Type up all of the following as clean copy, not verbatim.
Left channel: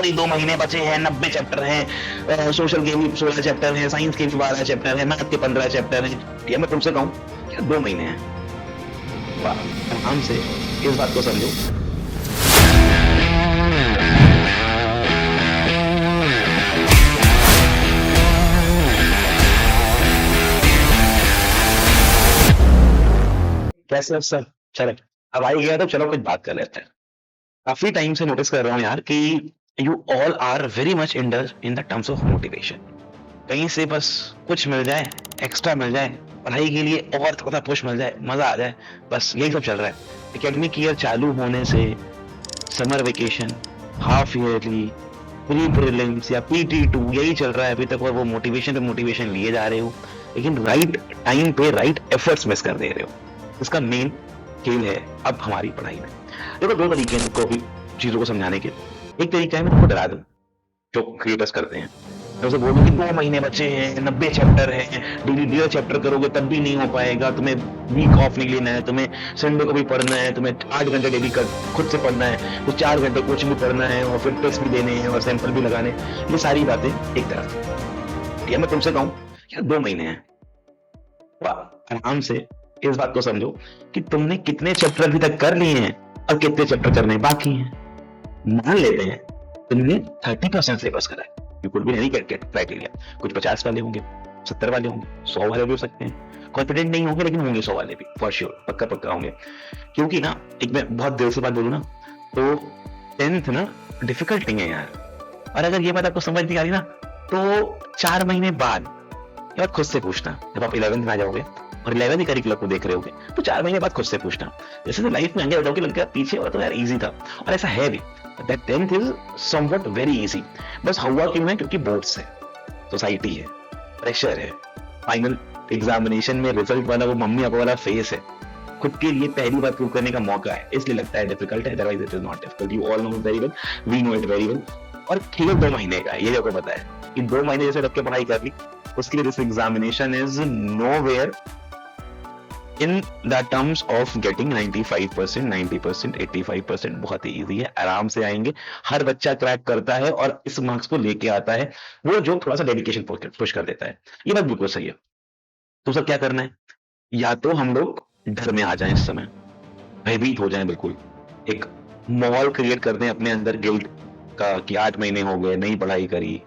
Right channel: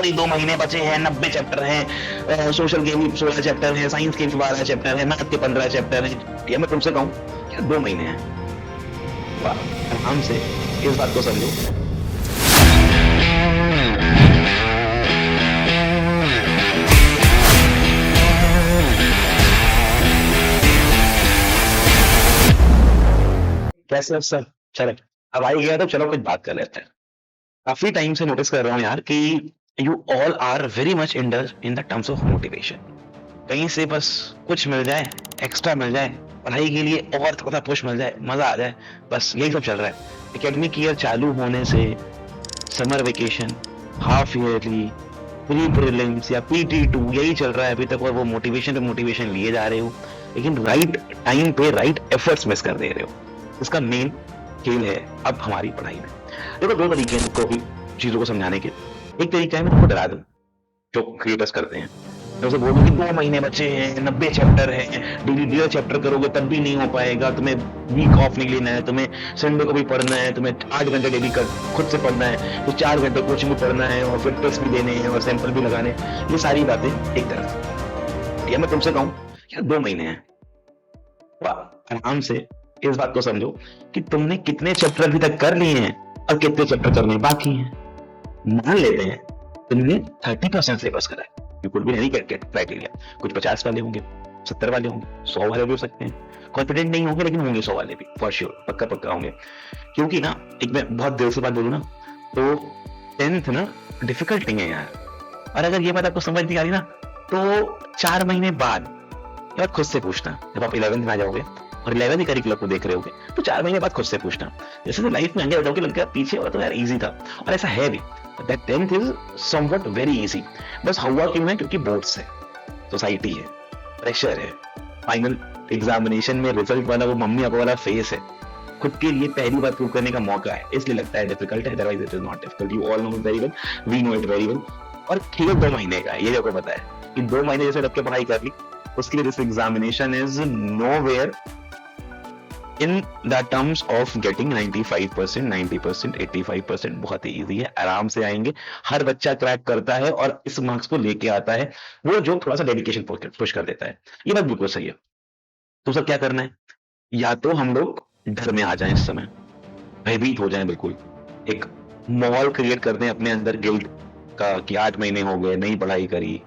आखिरी 2 महीने बचे हैं, 90 चैप्टर हैं, सोशल के भी 16 चैप्टर हैं, साइंस के भी 12 चैप्टर हैं, मैथ के 15 चैप्टर हैं। ये मैं तुमसे कहूँ क्या 2 महीने हैं? आराम से इस बात को समझो। कैसे सर? चले, अब आ ही गया तो चलो कुछ बात कर लेते हैं। काफी टाइम से नोटिस कर रहा हूँ यार कि you all are very much indulge in the terms of motivation. कहीं से बस कुछ मिल जाए, एक्स्ट्रा मिल जाए, पढ़ाई के लिए और थोड़ा पुश मिल जाए, मजा आ जाए, बस यही सब चल रहा है। एकेडमिक ईयर चालू होने से summer vacation, half yearly, pre prelims या PT2 यही चल रहा है अभी तक, और वो मोटिवेशन पे मोटिवेशन लिए जा रहे हो, लेकिन राइट टाइम पे राइट एफर्ट्स मिस कर दे रहे हो। इसका मेन खेल है अब हमारी पढ़ाई में। देखो 2 तरीके हैं तुमको भी चीजों को समझाने के। एक तरीका है मैं तुमको डरा दूं, जो क्रिएटर्स करते हैं। मैं उसे बोलूं कि 2 महीने बचे हैं, 90 चैप्टर है, डेली 1.5 चैप्टर करोगे तब भी नहीं हो पाएगा, तुम्हें वीक ऑफ नहीं लेना है, तुम्हें संडे को भी पढ़ना है, तुम्हें 8 घंटे डेली खुद से पढ़ना है, तो 4 घंटे कोचिंग भी पढ़ना है, और फिर टेस्ट भी देने हैं और सैंपल भी लगाने। ये सारी बातें एक तरफ। ये मैं तुमसे कहूं यार 2 महीने हैं, आराम से इस बात को समझो कि तुमने कितने चैप्टर अभी तक कर लिए हैं और कितने चैप्टर करने बाकी हैं। मान लेते हैं तुमने 30% सिलेबस करा है, you could be any criteria. कुछ 50 वाले होंगे, 70 वाले होंगे, 100 वाले भी हो सकते हैं। कॉन्फिडेंट नहीं होंगे लेकिन होंगे 100 वाले भी फॉर श्योर, पक्का पक्का होंगे। क्योंकि ना एक मैं बहुत देर से बात बोलूं ना, तो 10th ना डिफिकल्ट नहीं है यार। और अगर ये बात आपको समझ नहीं आ रही ना, तो 4 महीने बाद या खुद से पूछना, जब आप 11th में आ जाओगे और 11th करिकुलम को देख रहे होगे, तो 4 महीने बाद खुद से पूछना, जैसे तो लाइफ में आगे बढ़ोगे लग गया पीछे वाला तो यार इजी था, और ऐसा है भी। That 10th is somewhat very easy. बस हुआ क्यों है? क्योंकि बोर्ड्स है, सोसाइटी है, प्रेशर है, फाइनल एग्जामिनेशन में रिजल्ट वाला वो मम्मी पापा वाला फेस है। इन द टर्म्स ऑफ गेटिंग 95%, 90%, 85% बहुत ही इजी है, आराम से आएंगे। हर बच्चा क्रैक करता है और इस मार्क्स को लेके आता है वो जो थोड़ा सा डेडिकेशन पुश कर देता है। ये बात बिल्कुल सही है। तो सब क्या करना है? या तो हम लोग डर में आ जाएं, इस समय भयभीत हो जाएं, बिल्कुल एक माहौल क्रिएट कर दें अपने अंदर गिल्ट का कि 8 महीने हो गए नहीं पढ़ाई करी,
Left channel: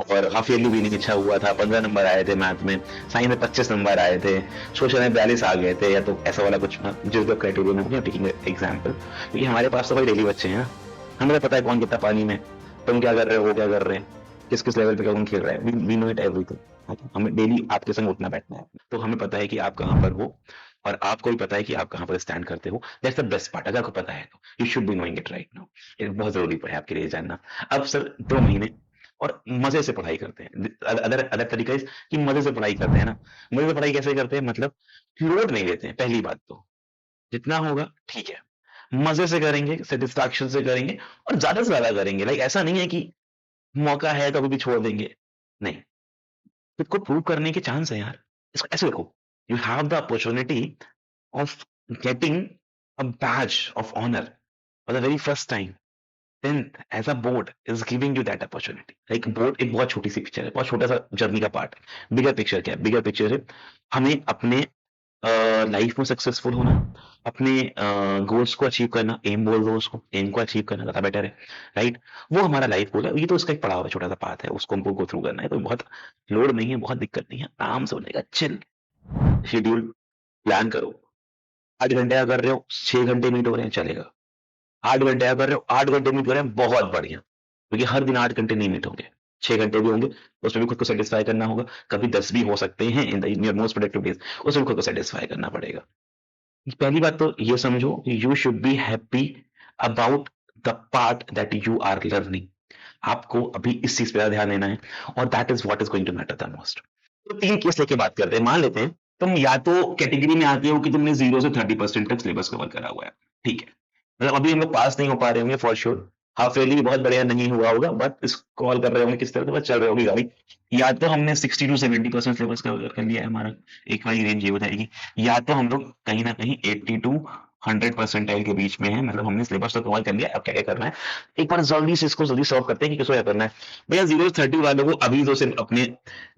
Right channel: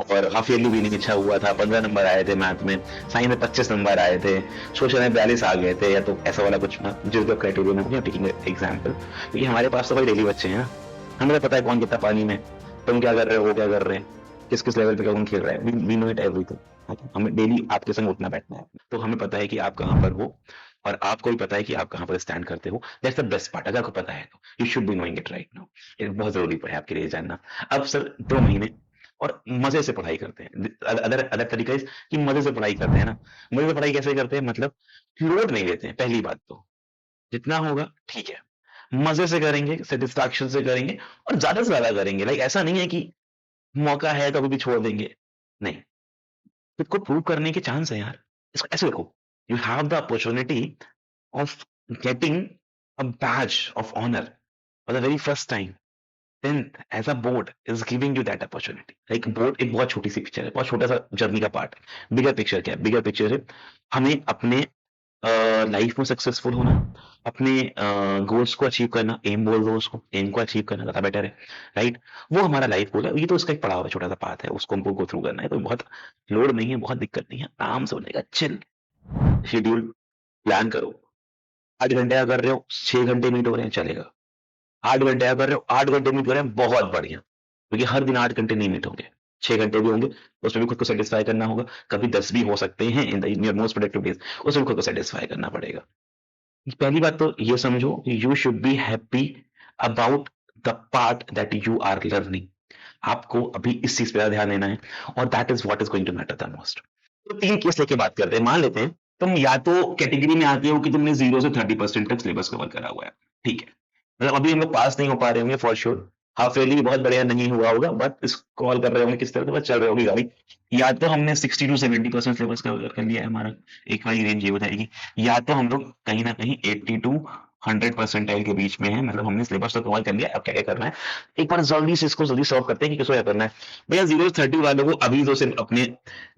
और हाफ ईयरली भी नहीं अच्छा हुआ था, 15 नंबर आए थे मैथ में, साइंस में 25 नंबर आए थे, सोशल में 42 आ गए थे, या तो ऐसा वाला कुछ जो क्राइटेरिया में टेकिंग एग्जाम्पल। क्योंकि हमारे पास तो भाई डेली बच्चे हैं, हमें पता है कौन कितना पानी में, तुम क्या कर रहे हो, वो क्या कर रहे हैं, किस किस लेवल पे कौन खेल रहा है, वी नो इट एवरीथिंग। हमें डेली आपके संग उठना बैठना है, तो हमें पता है कि आप कहाँ पर हो, और आपको भी पता है कि आप कहाँ पर स्टैंड करते हो। That's the best part. अगर आपको पता है तो you should be knowing it right now. ये बहुत जरूरी है आपके लिए जानना। अब सर 2 महीने और मजे से पढ़ाई करते हैं। अदर अदर तरीका है कि मजे से पढ़ाई करते हैं ना। मजे से पढ़ाई कैसे करते हैं? मतलब लोड नहीं लेते हैं। पहली बात तो जितना होगा ठीक है, मजे से करेंगे, सेटिस्फैक्शन से करेंगे, और ज्यादा से ज्यादा करेंगे। लाइक ऐसा नहीं है कि मौका है तो अभी भी छोड़ देंगे, नहीं। खुद को प्रूव करने के चांस है यार। इसको ऐसे देखो, you have the opportunity of getting a badge of honour for the very first time. 10th as a board is giving you that opportunity. Like board एक बहुत छोटी सी पिक्चर है, बहुत छोटा सा जर्नी का पार्ट है। बिगर पिक्चर क्या है? बिगर पिक्चर है हमें अपने लाइफ में सक्सेसफुल होना, अपनी गोल्स को अचीव करना। एम बोल दो उसको, एम को अचीव करना ज्यादा बेटर है, राइट? वो हमारा लाइफ गोल है। ये तो उसका एक पड़ाव है, छोटा सा पाथ है, उसको हमको गो थ्रू करना है। तो बहुत लोड नहीं है, बहुत दिक्कत नहीं है, आराम से हो जाएगा। चिल शेड्यूल प्लान करो। 8 घंटे का कर रहे हो, 6 घंटे मीट हो रहे हैं, चलेगा। 8 घंटे का कर रहे हो, 8 घंटे मीट हो रहे हैं, बहुत बढ़िया। क्योंकि हर दिन 8 घंटे नहीं मीट होंगे, 6 घंटे भी होंगे, उसमें भी खुद को सेटिस्फाई करना होगा। कभी 10 भी हो सकते हैं in your most productive days, उसमें खुद को सेटिस्फाई करना पड़ेगा। पहली बात तो ये समझो, you should be happy about the part that you are learning. आपको अभी इस चीज पे ध्यान देना है, और that is what is going to matter the most. तो 3 केस लेके बात करते हैं। मान लेते हैं तुम या तो कैटेगरी में आते हो कि तुमने 0 से 30% तक सिलेबस कवर करा हुआ है, ठीक है, मतलब अभी हम लोग पास नहीं हो पा रहे होंगे फॉर श्योर। हाफ ईयरली भी बहुत बढ़िया नहीं हुआ होगा, बट इस कॉल कर रहे होंगे किस तरह चल रही होगी गाड़ी। या तो हमने 60 to 70% सिलेबस कवर कर लिया है, हमारे एक वाली रेंज ये हो जाएगी। या तो हम लोग कहीं ना कहीं 80 to 100 परसेंटाइल के बीच में है, मतलब हमने सिलेबस तो कवर कर लिया, अब क्या क्या करना है एक बार जल्दी से इसको जल्दी सॉल्व करते हैं कि किसको क्या करना है। भैया 0 से 30 वालों को अभी तो सिर्फ अपने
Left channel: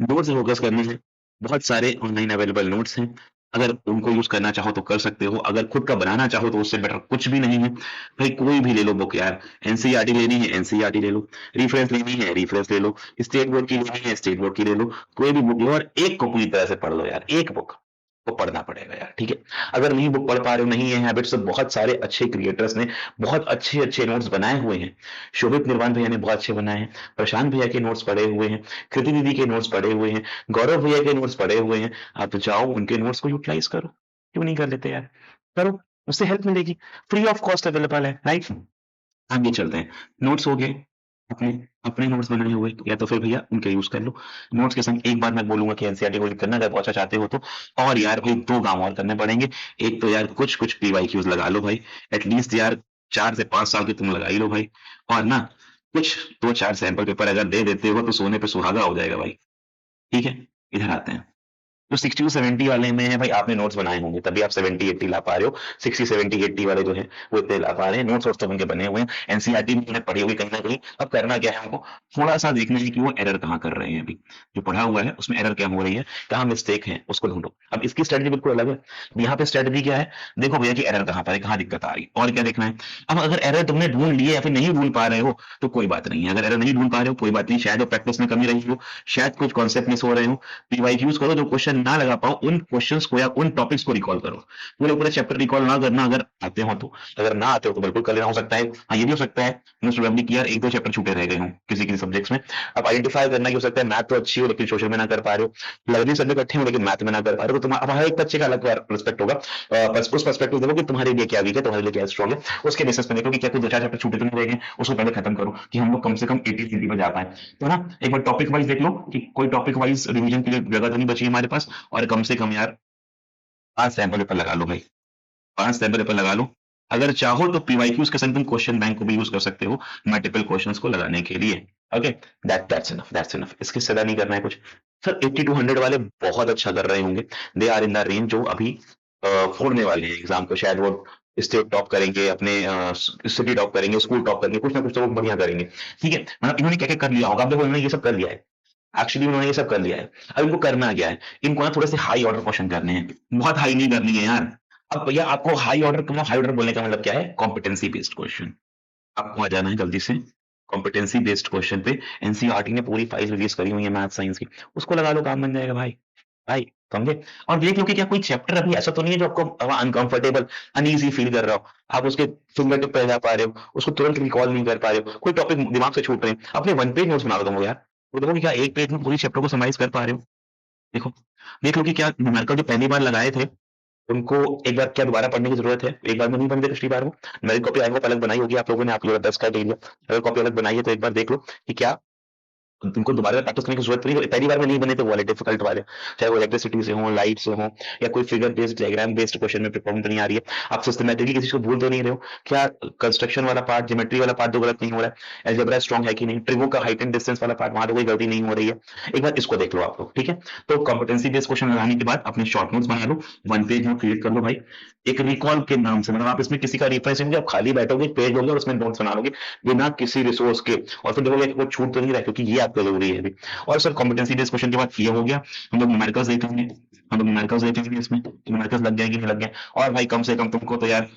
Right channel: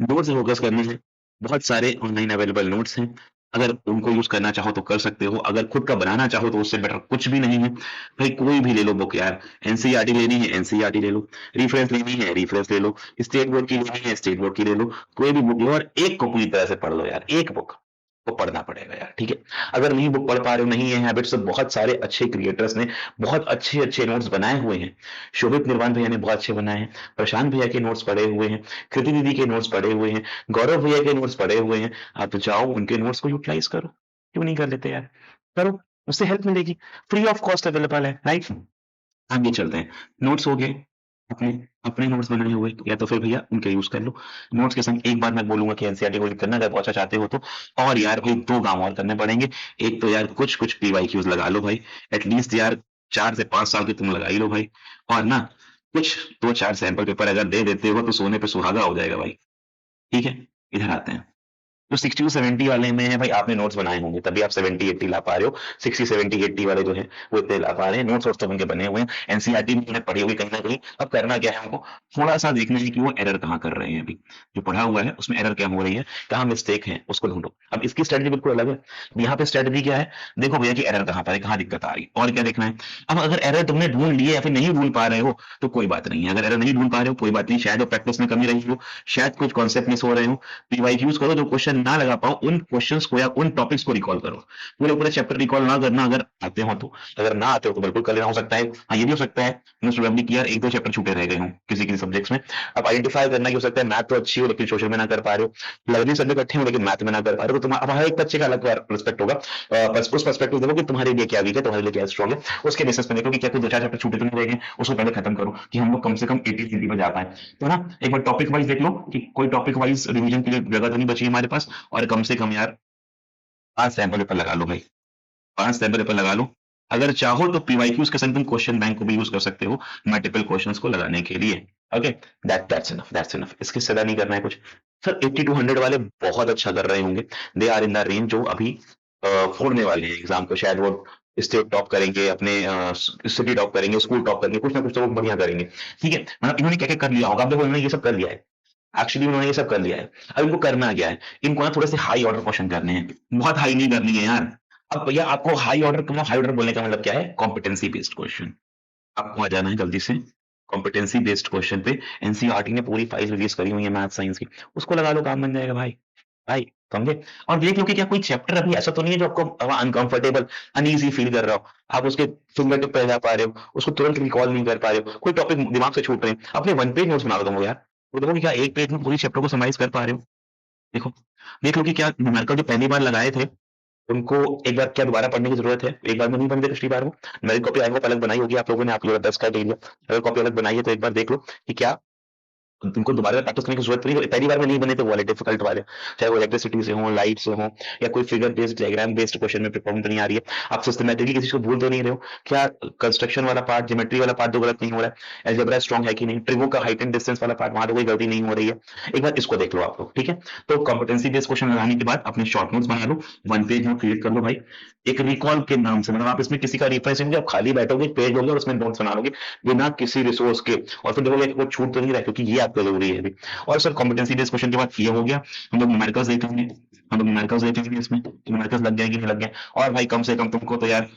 नोट्स से फोकस करना है। बहुत सारे ऑनलाइन अवेलेबल नोट्स हैं, अगर उनको यूज करना चाहो तो कर सकते हो, अगर खुद का बनाना चाहो तो उससे बेटर कुछ भी नहीं है। भाई कोई भी ले लो बुक यार, एनसीईआरटी लेनी है एनसीईआरटी ले लो, रेफरेंस लेनी है रेफरेंस ले लो, स्टेट बोर्ड की लेनी है स्टेट बोर्ड की ले लो, कोई भी बुक लो और एक को पूरी तरह से पढ़ लो यार, एक बुक को पढ़ना पड़ेगा यार, ठीक है। अगर नहीं बुक पढ़ पा रहे हो, नहीं है हैबिट, तो बहुत सारे अच्छे क्रिएटर्स ने बहुत अच्छे अच्छे नोट्स बनाए हुए हैं। शोभित निर्वाण भैया ने बहुत अच्छे बनाए हैं, प्रशांत भैया के नोट्स पढ़े हुए हैं, कृति दीदी के नोट्स पढ़े हुए हैं, गौरव भैया के नोट्स पढ़े हुए हैं। आप तो जाओ उनके नोट्स को यूटिलाइज करो, क्यों नहीं कर लेते यार, करो, उससे हेल्प मिलेगी, फ्री ऑफ कॉस्ट अवेलेबल है, राइट। आगे चलते हैं, नोट्स हो गए, अपने अपने नोट्स बनाए हुए, या तो फिर भैया उनके यूज कर लो। नोट्स के संग एक बार मैं बोलूंगा कि एनसीईआरटी को रीड करना अगर बहुत अच्छा चाहते हो तो, और यार भाई 2 काम और करने पड़ेंगे। एक तो यार कुछ कुछ पीवाईक्यूज लगा लो भाई, एटलीस्ट यार 4 से 5 साल के तुम लगा ही लो भाई। और ना कुछ 2 4 सैंपल पेपर अगर दे देते हो तो सोने पे सुहागा हो जाएगा भाई, ठीक है। इधर आते हैं, जो 60 to 70 वाले में है भाई, आपने नोट्स बनाए होंगे तभी आप 70 80 ला पा रहे हो। 60 70 80 वाले जो है वो इतने ला पा रहे हैं, नोट्स तो उनके बने हुए हैं, एनसीईआरटी में उन्होंने पढ़ी होगी कहीं ना कहीं। अब करना क्या है हमको, थोड़ा सा देखना है कि वो एरर कहाँ कर रहे हैं, अभी जो पढ़ा हुआ है उसमें एरर क्या हो रही है, कहाँ मिस्टेक है उसको ढूंढो। अब इसकी स्ट्रेटजी बिल्कुल अलग है, यहाँ पे स्ट्रेटजी क्या है, देखो भैया कि एरर कहाँ पर है, कहाँ दिक्कत आ रही है और क्या देखना है। अब अगर एरर तुमने ढूंढ लिए या फिर नहीं ढूंढ पा रहे हो तो कोई बात नहीं है, अगर एरर नहीं ढूंढ पा रहे हो कोई बात नहीं, शायद वो प्रैक्टिस में कमी रही हो, शायद कुछ कॉन्सेप्ट मिस हो रहे हो। पीवाईक्यूज करो, जो क्वेश्चन ना लगा पाओ उन क्वेश्चंस को या उन टॉपिक्स को रिकॉल करो, पूरे पूरे चैप्टर रिकॉल ना करना, अगर आते हो तो, अगर ना आते हो तो बिल्कुल कर लेना, हो सकता है हाँ ये भी हो सकता है मोस्ट प्रोबेबली कि यार 1 2 चैप्टर छूटे रह गए हों किसी किसी सब्जेक्ट्स में। अब आइडेंटिफाई करना कि हो सकता है मैथ तो अच्छी हो लेकिन सोशल में ना कर पा रहे हो, लर्निंग सब्जेक्ट अच्छे हो लेकिन मैथ में ना कर पा रहे हो, तो तुम्हारा हर एक बच्चे का अलग रिस्पेक्ट होगा। उस पर्सपेक्टिव देखो कि तुम्हारे लिए क्या वीक है, तुम्हारे लिए क्या स्ट्रॉग है, उसके बेसिस पे देखो कि क्या कोई 2 4 चैप्टर छूटे तो नहीं रह गए, उसको पहले खत्म करो कि हम लोग कम से कम 80 पे जा पाए। तो ना एक बार टॉपिक वाइज देख लो कि कोई टॉपिक वाइज रिवीजन के लिए जगह तो नहीं बची हमारे पास, और कम से कम यार 5 सैंपल पेपर लगा लो भाई, 5 सैंपल पेपर लगा लो। अगर चाहो तो पीवाईक्यूज के संग तुम क्वेश्चन बैंक को भी यूज कर सकते हो मल्टीपल क्वेश्चंस को लगाने के लिए। ओके, दैट्स इनफ, इसके ज्यादा नहीं करना है कुछ। सर 80 to 100 वाले बहुत अच्छा कर रहे होंगे, they are in the range जो अभी फोड़ने वाले हैं एग्जाम को, शायद वो स्टेट टॉप करेंगे, अपने सिटी टॉप करेंगे, स्कूल टॉप करेंगे, कुछ ना कुछ तो वो बढ़िया करेंगे, ठीक है। मतलब इन्होंने क्या क्या कर लिया होगा, आप देखो इन्होंने ये सब कर लिया है, एक्चुअली उन्होंने ये सब कर लिया है। अब इनको करना क्या है, इनको ना थोड़े से हाई ऑर्डर क्वेश्चन करने हैं, बहुत हाई नहीं करनी है यार। अब भैया आपको हाई ऑर्डर, मतलब हाई ऑर्डर बोलने का मतलब क्या है, कॉम्पिटेंसी बेस्ड क्वेश्चन। आपको आ जाना है जल्दी से कॉम्पिटेंसी बेस्ड क्वेश्चन पे। एनसीईआरटी ने पूरी फाइल रिलीज करी हुई है मैथ साइंस की, उसको लगा लो, काम बन जाएगा भाई, भाई समझे। और देख लो कि क्या कोई चैप्टर अभी ऐसा तो नहीं है जो आपको अनकंफर्टेबल अनईजी फील कर रहा हो, आप उसके फिंगर टिप पे जा पा रहे हो, उसको तुरंत रिकॉल नहीं कर पा रहे हो, कोई टॉपिक दिमाग से छूट रहे हैं, अपने 1 पेज नोट्स बना लो तुम लोग यार, तो देखो कि क्या 1 पेज में पूरी चैप्टर को समराइज कर पा रहे हो। देखो, देख लो कि क्या न्यूमेरिकल जो पहली बार लगाए थे उनको एक बार क्या दोबारा पढ़ने की जरूरत है, एक बार में नहीं बनते पिछली बार में। मेरी कॉपी आई होप अलग बनाई होगी आप लोगों ने, आप लोगों ने 10 का एरिया, अगर कॉपी अलग बनाई है तो एक बार देख लो कि क्या तुमको दोबारा प्रैक्टिस करने की जरूरत नहीं, पहली बार में नहीं बने तो वाले डिफिकल्ट वाले, चाहे वो इलेक्ट्रिसिटी से हो, लाइट से हो, या कोई figure based diagram based question में प्रिपेयर तो नहीं आ रही है, आप सिस्टमेटिकली किसी को भूल तो नहीं रहे हो, क्या कंस्ट्रक्शन वाला पार्ट, ज्योमेट्री वाला पार्ट तो गलत नहीं हो रहा है, अलजेब्रा स्ट्रांग है कि नहीं, ट्रिगो का हाइट एंड डिस्टेंस वाला पार्ट वहां तो कोई गलती नहीं हो रही है, एक बार इसको देख लो आप लोग, ठीक है। तो कॉम्पिटेंसी बेस्ड क्वेश्चन लगाने के बाद अपने शॉर्ट नोट्स बना लो, 1 पेज नोट क्रिएट कर लो भाई, एक रिकॉल के नाम से, मतलब आप इसमें किसी का रिफरेंस नहीं, आप खाली बैठोगे पेज लोगे और उसमें नोट्स बना लोगे बिना किसी रिसोर्स के, और फिर देखोगे कि वो छूट तो नहीं रहा, क्योंकि ये आपका जरूरी है अभी। और सर कॉम्पिटेंसी बेस्ड क्वेश्चन के बाद ये हो गया, हम लोग न्यूमेरिकल्स देखेंगे, हम लोग न्यूमेरिकल्स देखेंगे, इसमें न्यूमेरिकल्स लग गया कि नहीं लग गया। और भाई कम से कम तुमको तो यार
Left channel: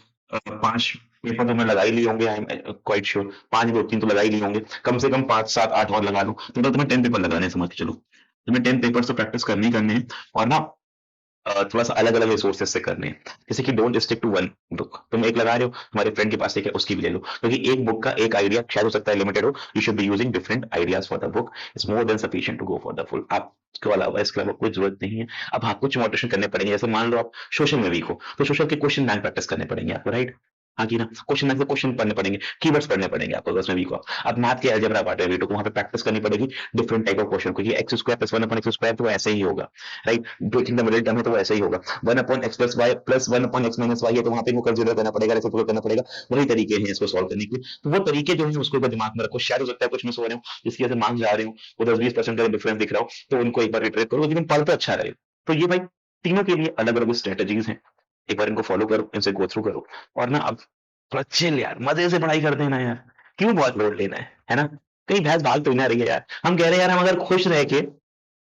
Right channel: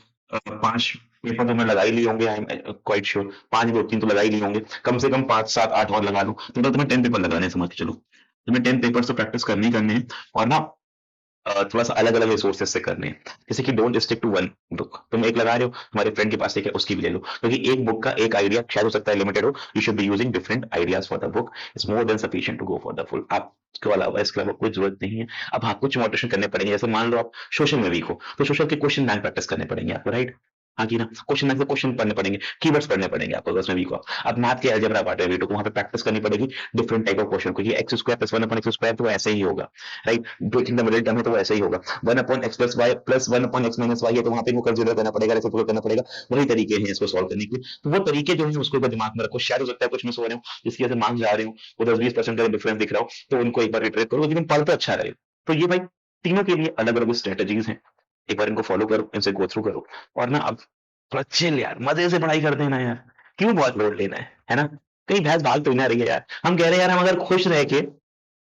5 पेपर तो मैं लगा ही लिए होंगे, आई एम क्वाइट श्योर, 5 2 3 तो लगा ही लिए होंगे, कम से कम 5 7 8 और लगा लो, तो तुम्हें 10 पेपर लगाने हैं, समझ के चलो तुम्हें 10 पेपर तो प्रैक्टिस करनी ही करनी है। और ना थोड़ा सा अलग अलग रिसोर्सेज से करने हैं, जैसे कि don't stick to one book, तुम एक लगा रहे हो तुम्हारे फ्रेंड के पास एक है उसकी भी ले लो, क्योंकि एक बुक का एक आइडिया शायद हो सकता है लिमिटेड हो, you should be using different ideas for the book, it's more than sufficient to go for the full. आपको अलावा इसके अलावा कोई जरूरत नहीं है। अब आपको कुछ मोटिवेशन करने पड़ेंगे, जैसे मान लो आप सोशल में वीक हो तो सोशल के क्वेश्चन बैंक प्रैक्टिस करने पड़ेंगे आपको, राइट। हाँ कि ना, क्वेश्चन बैंक क्वेश्चन पढ़ने पड़ेंगे, कीवर्ड्स पढ़ने पड़ेंगे आपको, अगर उसमें वीक हो। अब मैथ के अलजेब्रा पार्ट है वीक हो, वहां पे प्रैक्टिस करनी पड़ेगी डिफरेंट टाइप ऑफ क्वेश्चन, क्योंकि एक्स स्क्वायर प्लस 1/x² तो ऐसे ही होगा, राइट। जो इन द मिडिल टर्म है तो ऐसे ही होगा, 1/x+y प्लस 1/x-y है तो वहां पे वो कंसीडर करना पड़ेगा, उसको करना पड़ेगा, वही तरीके हैं इसको सॉल्व करने के। अलग अलग स्ट्रेटेजीज हैं, एक बार इनको फॉलो करो, इनसे गो थ्रू करो। थोड़ा चिल यार, मजे से पढ़ाई करते हैं ना यार, क्यों बहुत लोड लेना है ना? कहीं भैंस भाग तो ना रही है यार। हम कह रहे हैं यार, हम अगर खुश रह के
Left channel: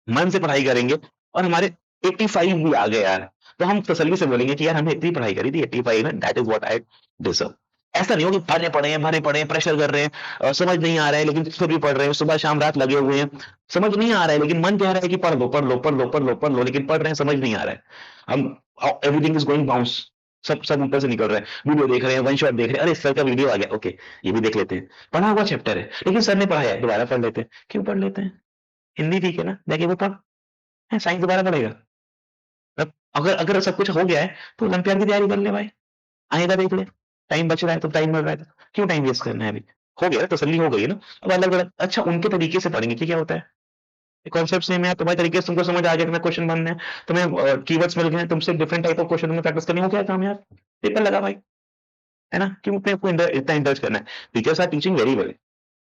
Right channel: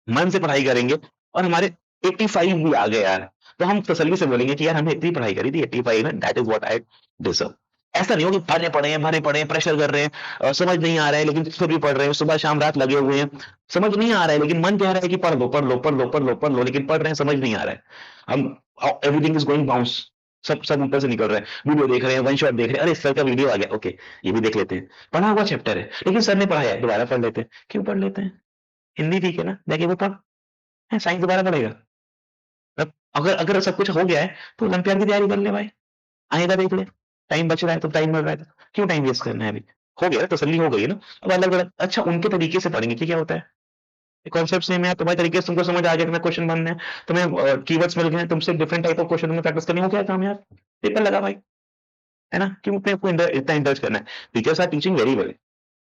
मन से पढ़ाई करेंगे और हमारे 85 भी आ गए यार, तो हम तसल्ली से बोलेंगे कि यार हमने इतनी पढ़ाई करी थी, 85 में, that is what I deserve. ऐसा नहीं हो कि भरे पड़े हैं, प्रेशर कर रहे हैं, समझ नहीं आ रहा है लेकिन फिर भी पढ़ रहे हैं, सुबह शाम रात लगे हुए हैं, समझ नहीं आ रहा है लेकिन मन कह रहा है कि पढ़ लो पढ़ लो पढ़ लो पढ़ लो पढ़ लो, लेकिन पढ़ रहे हैं, समझ नहीं आ रहा है। हम एवरीथिंग इज गोइंग बाउंस, सब सब ऊपर से निकल रहा है, वीडियो देख रहे हैं, वन शॉट देख रहे हैं, अरे सर का वीडियो आ गया, ओके ये भी देख लेते हैं, पढ़ा हुआ चैप्टर है लेकिन सर ने पढ़ाया है, दोबारा पढ़ लेते हैं। क्यों पढ़ लेते हैं? हिंदी ठीक है ना, जाके वो पढ़, साइंस दोबारा पढ़ेगा। अब अगर अगर सब कुछ हो गया है तो ओलंपियाड की तैयारी कर ले भाई, आएगा देख ले, टाइम बच रहा है तो, टाइम मिल रहा है तो क्यों टाइम वेस्ट करना है? अभी हो गया, तसल्ली हो गई है ना। अब अलग अलग, अच्छा उनके तरीके से पढ़ेंगे कि क्या होता है, कॉन्सेप्ट सेम है, तुम्हारे तरीके से तुमको समझ आ गया, तुम्हें क्वेश्चन बनने हैं, तुम्हें कीवर्ड्स मिल गए, तुमसे डिफरेंट टाइप ऑफ क्वेश्चन तुम्हें प्रैक्टिस करनी हो, क्या काम यार, पेपर लगा भाई, है ना? क्यों अपने आपको इतना इंडल्ज करना है? Teachers are teaching very well,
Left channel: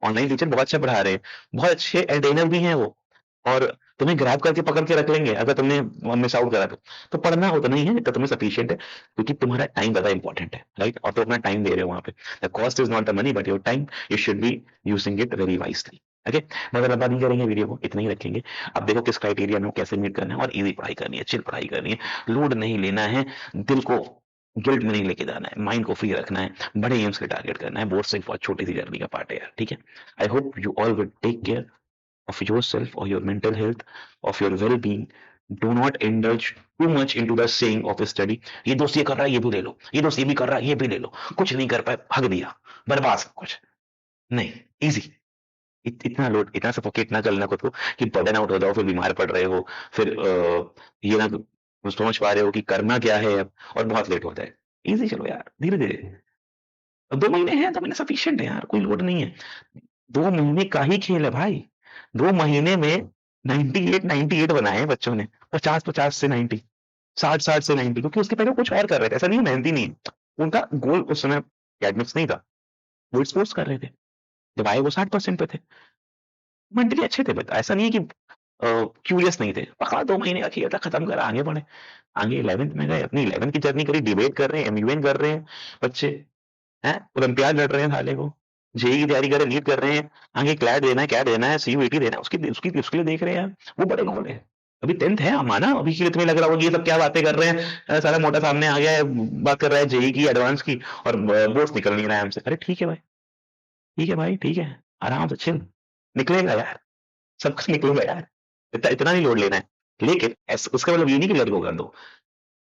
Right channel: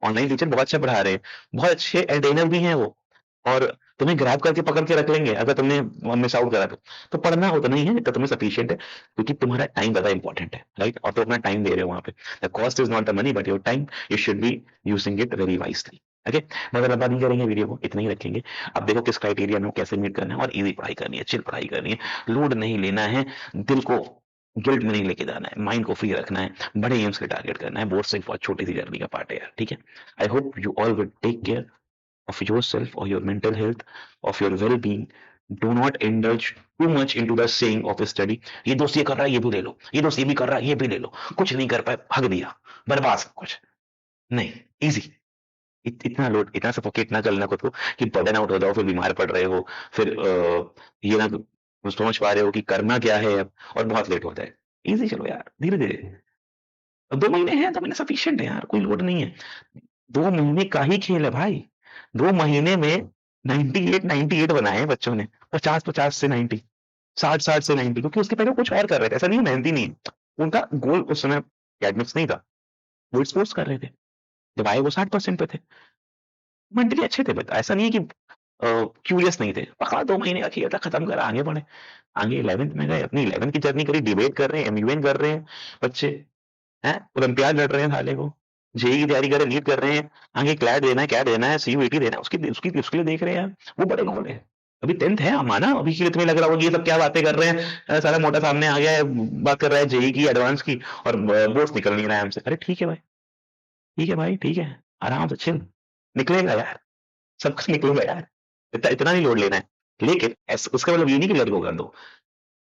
online teacher बहुत अच्छा पढ़ा रहे हैं, बहुत अच्छे एंटरटेनर भी हैं वो, और तुम्हें ग्रैब करके पकड़ के रख लेंगे अगर तुमने मिस आउट करा तो पढ़ना उतना ही है जितना तुम्हें सफिशिएंट है, क्योंकि तुम्हारा टाइम ज्यादा इंपॉर्टेंट है, राइट? और तुम अपना टाइम दे रहे हो वहां पे, the cost is not the money but your time, you should be using it very wisely. Okay, मगर लंबा नहीं करेंगे वीडियो को, इतना ही रखेंगे। अब देखो किस क्राइटेरिया में कैसे मीट करना है, और इजी पढ़ाई करनी है, चिल पढ़ाई करनी है, लोड नहीं लेना है, दिल को गिल्ट में नहीं लेके जाना है, माइंड को फ्री रखना है, बड़े एम्स के टारगेट करना है, बोर्ड से बहुत छोटी सी जर्नी का पार्ट है यार, ठीक है? I hope you all will take care of yourself or your mental health, of your well-being. Do not indulge too much into the saying of study. ये दोस्त ये कर रहा है, ये भी ले लो, ये दोस्त ये भी कर रहा है, ये भी ले लो, कुछ नहीं कर पाए, भाग दिया, बर्बाद सब कुछ। नहीं, इजी, इतना लोड, इतना सफोकेट ना करना खुद को कि बर्डन आउट हो जाओ, फिर बीमार पड़ रहे हो, फिर ये ना समझ पा रहे हो कि करना क्या है अब, और बहुत लेट होता है। इजी चलो यार, धीरे धीरे, 2 महीने हैं, 2 महीने सफिशियंट है यार, कोई लोड नहीं है, 2 महीने का ही खेल है भाई। 2 महीने में 98 बनाए हैं बच्चों ने, 50 से 90, 60 से 90, क्योंकि उसके पहले वो कुछ और कर रहे थे, ऐसा नहीं मेहनती नहीं है, उनका गोल उस समय एकेडमिक्स नहीं था, वो स्पोर्ट्स कर रहे थे, जब आए वो 60% पे थे, मेंटली अच्छे थे, बट ऐसा नहीं है कि क्यूरियस नहीं थे, पकड़ा 2 महीने का खेल था, खत्म करा, आगे बढ़े, आगे 11th में गए, अपनी 11th की जर्नी करी, डिबेट कर रहे हैं, एमयूएन कर रहे हैं बच्चे, हैं ओलंपियाड लड़ रहे हैं साले को, जेई की तैयारी कर रहे हैं, नीट कर रहे हैं, आगे क्लैट देना है, कैट देना है, सीयूईटी देना है, उसकी उसकी उसके लिए देख रहे हैं यार, वो बड़े गोल है। अभी 10th है, माना अभी के लिए तुम्हें लग रहा होगा कि ये सब क्या बातें कर रहे हैं, सारा मोटा सामने आ गया है, बात कर रहा है जेई की, एडवांस की, और बोर्ड्स निकल नहीं रहा है हमसे। अरे ठीक है भाई, ठीक है भाई, ठीक है, आराम से चिल, निकलेगा यार, सब कुछ निकलेगा यार, इतना नहीं लोड लेना है, लेकिन उसका मतलब ये नहीं कि लेट गो कर दो।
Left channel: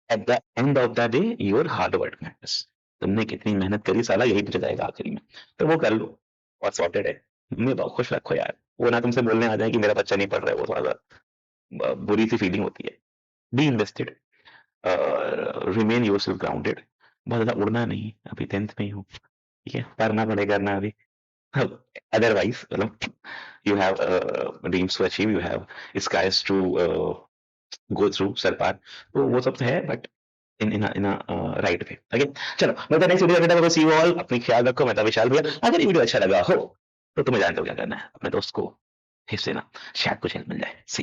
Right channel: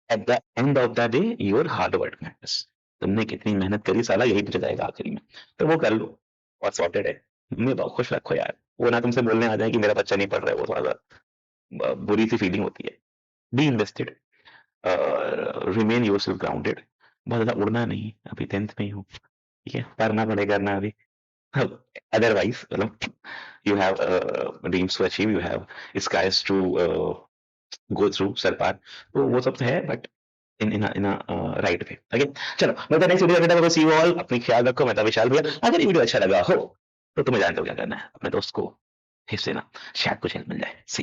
At the end of the day your hard work matters, तुमने कितनी मेहनत करी साला, यही पूछा जाएगा आखिरी में, तो वो कर लो और सॉर्टेड है। मम्मी बहुत खुश रखो यार, वो ना तुमसे बोलने आ जाए कि मेरा बच्चा नहीं पढ़ रहा है, वो थोड़ा सा बुरी सी फीलिंग होती है। Be invested, remain your self grounded, बहुत ज्यादा उड़ना नहीं, अभी 10th में ही हो, ठीक है, पढ़ना पड़ेगा ना अभी, otherwise मतलब you have dreams to achieve, you have skies to go through सर पार, तो वो सब तो है, but in right way. Okay, चलो मैं नेक्स्ट वीडियो में सी यू ऑल, अपनी ख्याल रखो, मैं था विशाल भैया। अगर ये वीडियो अच्छा लगा हो तो तुम्हें जानते हो क्या करना है, अपने दोस्त को हिस्से ना, शायद कुछ हेल्प मिल जाए। सी